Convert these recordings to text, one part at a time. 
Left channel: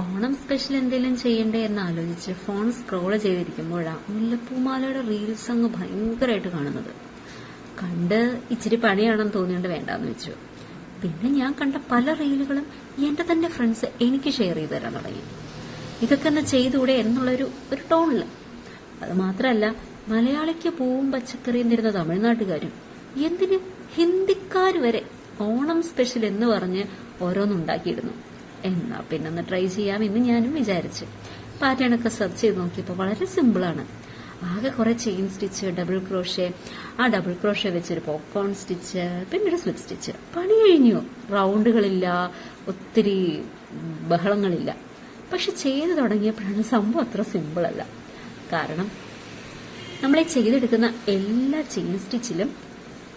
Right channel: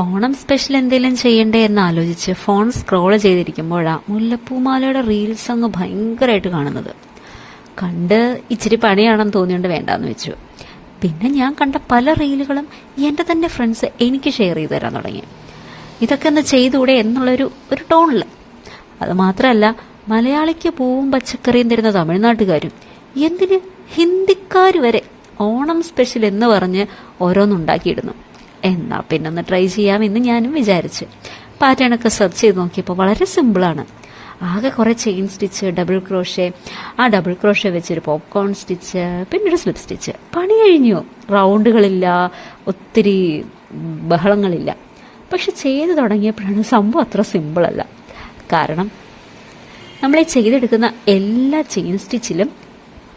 Onam special എന്തെങ്കിലും ചെയ്യണ്ടേ എന്ന് ആലോചിച്ച് ഫോൺ സ്ക്രോൾ ചെയ്തിരിക്കുമ്പോഴാണ് മുല്ലപ്പൂമാലയുടെ റീൽസ് അങ്ങ് ഭയങ്കരമായിട്ട് കാണുന്നത്. കണ്ട് ഇച്ചിരി പണിയാണെന്ന് തോന്നിയോണ്ട് വേണ്ടാന്ന് വെച്ചു. പിന്നെ ഞാൻ കണ്ട പല റീലുകളും എൻ്റെ തന്നെ ഫ്രണ്ട്സ് എനിക്ക് ഷെയർ ചെയ്ത് തരാൻ തുടങ്ങി. ഇതൊക്കെ ഒന്ന് ചെയ്തുകൂടെ എന്നുള്ളൊരു ടോണിൽ. അത് മാത്രമല്ല, മലയാളിക്ക് പൂവും പച്ചക്കറിയും തരുന്ന തമിഴ്നാട്ടുകാരും, എന്തിന് ഹിന്ദിക്കാർ വരെ ഓണം സ്പെഷ്യൽ എന്ന് പറഞ്ഞ് ഓരോന്നുണ്ടാക്കിയിടുന്നു. എന്നാ പിന്നെ ഒന്ന് ട്രൈ ചെയ്യാമെന്ന് ഞാനും വിചാരിച്ചു. പാറ്റേണൊക്കെ സെർച്ച് ചെയ്ത് നോക്കിയപ്പോൾ വളരെ സിമ്പിളാണ്. ആകെ കുറേ ചെയിൻ സ്റ്റിച്ച്, ഡബിൾ ക്രോഷേ, ആ ഡബിൾ ക്രോഷേ വെച്ചൊരു പോപ്കോൺ സ്റ്റിച്ച്, പിന്നെ ഒരു സ്ലിപ്പ് സ്റ്റിച്ച്. പണി കഴിഞ്ഞു. റൗണ്ടുകളില്ല, ഒത്തിരി ബഹളങ്ങളില്ല. പക്ഷെ ചെയ്ത് തുടങ്ങിയപ്പോഴാണ് സംഭവം അത്ര സിമ്പിളല്ല. കാരണം നമ്മളെ ചെയ്തെടുക്കുന്ന എല്ലാ ചെയിൻ സ്റ്റിച്ചിലും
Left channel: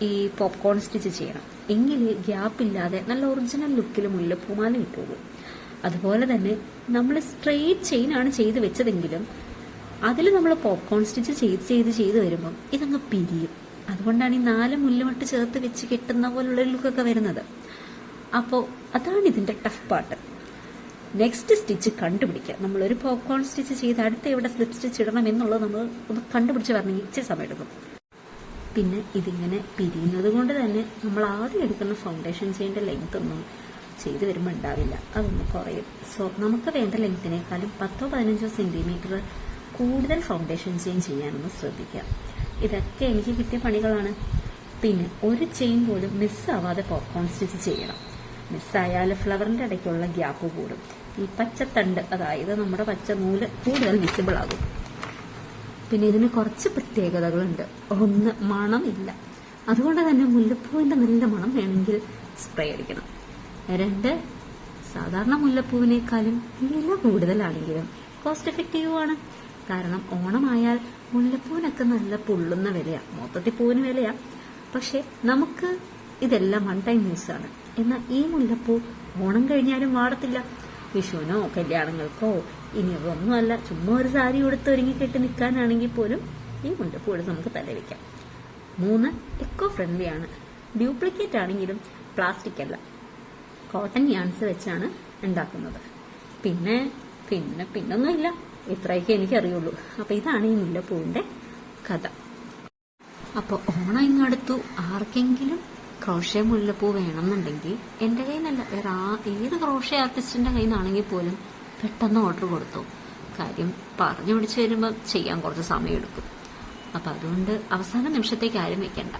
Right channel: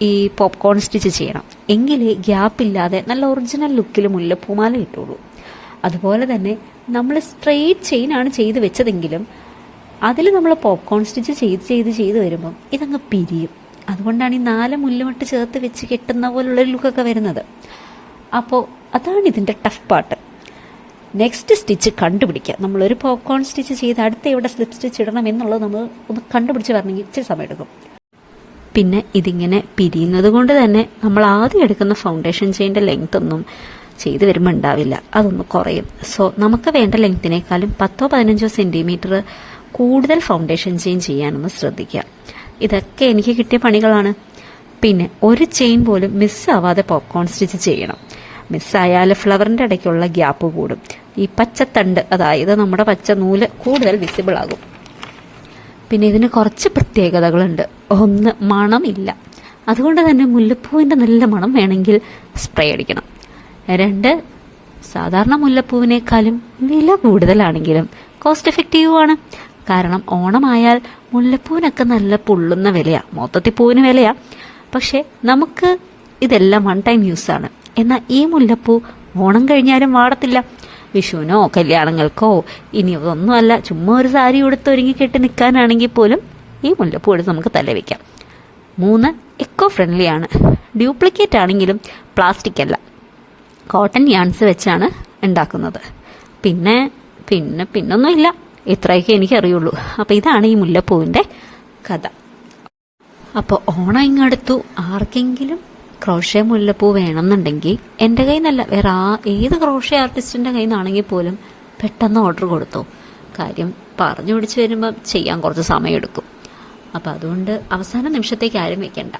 ഈ പോപ്കോൺ സ്റ്റിച്ച് ചെയ്യണം. എങ്കിലേ ഗ്യാപ്പില്ലാതെ നല്ല ഒറിജിനൽ ലുക്കിൽ മുല്ലപ്പൂമാല കിട്ടുള്ളൂ. അതുപോലെ തന്നെ നമ്മൾ സ്ട്രെയിറ്റ് ചെയിനാണ് ചെയ്ത് വെച്ചതെങ്കിലും അതിൽ നമ്മൾ പോപ്കോൺ സ്റ്റിച്ച് ചെയ്ത് വരുമ്പം ഇതങ്ങ് പിരിയും. അതുകൊണ്ടാണ് ഈ 4 മുല്ലുമട്ട് ചേർത്ത് വെച്ച് കെട്ടുന്ന പോലുള്ളൊരു ലുക്കൊക്കെ വരുന്നത്. അപ്പോൾ അതാണ് ഇതിൻ്റെ ടഫ് പാർട്ട്. നെക്സ്റ്റ് സ്റ്റിച്ച് കണ്ടുപിടിക്കുക. നമ്മളൊരു പോപ്കോൺ സ്റ്റിച്ച് ചെയ്ത് അടുത്ത എവിടെ സ്ലിപ്പ് സ്റ്റിച്ച് ഇടണം എന്നുള്ളത് നമ്മൾ ഒന്ന് കണ്ടുപിടിച്ച് വരണമെങ്കിൽ ഇച്ചിരി സമയം എടുക്കും. പിന്നെ ഇതിങ്ങനെ പിരിയുന്നത് കൊണ്ട് തന്നെ നമ്മൾ ആദ്യം എടുക്കുന്ന ഫൗണ്ടേഷൻ ചെയിൻ്റെ ലെങ്ത് ഒന്നും ചെയ്ത് വരുമ്പോൾ ഉണ്ടാവില്ല, അതൊന്ന് കുറയും. സോ നമുക്ക് വേണ്ട ലെങ്ത്തിനേക്കാളും 10-15 സെൻറ്റിമീറ്റർ കൂടുതൽ ഫൗണ്ടേഷൻ ചെയിൻ ചെയ്യാനൊന്ന് ശ്രദ്ധിക്കുക. ഇതൊക്കെ എനിക്ക് കിട്ടിയ പണികളാണ്. പിന്നെ ഒരു ചെയിൻ പോലും മിസ്സാവാതെ പോപ്കോൺ സ്റ്റിച്ച് ചെയ്യണം. മിസ്സായാൽ ഫ്ലവറിൻ്റെ ഇടയ്ക്കുള്ള ഗ്യാപ്പ് കൂടും. ഈ പച്ചത്തണ്ട്, അതായത് നമ്മുടെ പച്ച നൂല് കൂടുതൽ വിസിബിൾ ആകും. പിന്നെ ഇതിന് കുറച്ച് പ്രത്യേകതകളുണ്ട്. ഒന്ന്, മണമില്ല. അതുകൊണ്ട് തന്നെ മുല്ലപ്പൂവിൻ്റെ നല്ല മണം വേണമെങ്കിൽ സ്പ്രേ അടിക്കണം. 2, സാധാരണ മുല്ലപ്പൂവിനേക്കാളും വില കൂടുതലാണെങ്കിലും കോസ്റ്റ് എഫക്റ്റീവുമാണ്. കാരണം ഓണമായാൽ മുല്ലപ്പൂവിനൊക്കെ നല്ല പൊള്ളുന്ന വിലയാണ്, മൊത്തത്തിൽ പൂവിന് വിലയാണ്. പക്ഷേ നമുക്ക് ഇതെല്ലാം 1 ടൈം യൂസാണ്. എന്നാൽ ഈ മുല്ലപ്പൂ ഓണം കഴിഞ്ഞാലും വാടത്തില്ല. വിഷുവിനോ കല്യാണങ്ങൾക്കോ ഇനി ഒന്നുമല്ല, ചുമ്മാ ഒരു സാരി ഉടുത്തൊരുങ്ങി കെട്ടി നിൽക്കാനാണെങ്കിൽ പോലും ഈ മുല്ലപ്പൂ എടുത്ത് നമുക്ക് തല വയ്ക്കാം. 3, എക്കോ ഫ്രണ്ട്ലി ആണ്. ഡ്യൂപ്ലിക്കേറ്റ് ആണെങ്കിലും പ്ലാസ്റ്റിക് അല്ല, കോട്ടൺ യാൺസ് വെച്ചാണ് ഉണ്ടാക്കുന്നത്. പിന്നൊന്നുമില്ല. ഇത്രയൊക്കെ എനിക്കറിയുള്ളൂ. അപ്പോൾ ഇതാണ് ഈ മുല്ലപ്പൂവിൻ്റെ കഥ. അപ്പോൾ ഓണം ഇങ്ങടുത്തു. ആർക്കെങ്കിലും ക്രോഷേ മുല്ലപ്പൂ വേണമെന്നുണ്ടെങ്കിൽ എൻ്റെ കയ്യിൽ നിന്നല്ല, വേറെ ഏത് ക്രോഷേ ആർട്ടിസ്റ്റിൻ്റെ കയ്യിൽ നിന്നാണെങ്കിൽ പോലും പെട്ടെന്ന് ഓർഡർ കൊടുത്തു. കാര്യം പറഞ്ഞു പിടിച്ച് വരുമ്പം ചെയ്യാൻ കുറച്ച് സമയമെടുക്കും. അപ്പോൾ അതുകൊണ്ട് അവസാന നിമിഷത്തേക്ക് ആരും വെക്കണ്ട.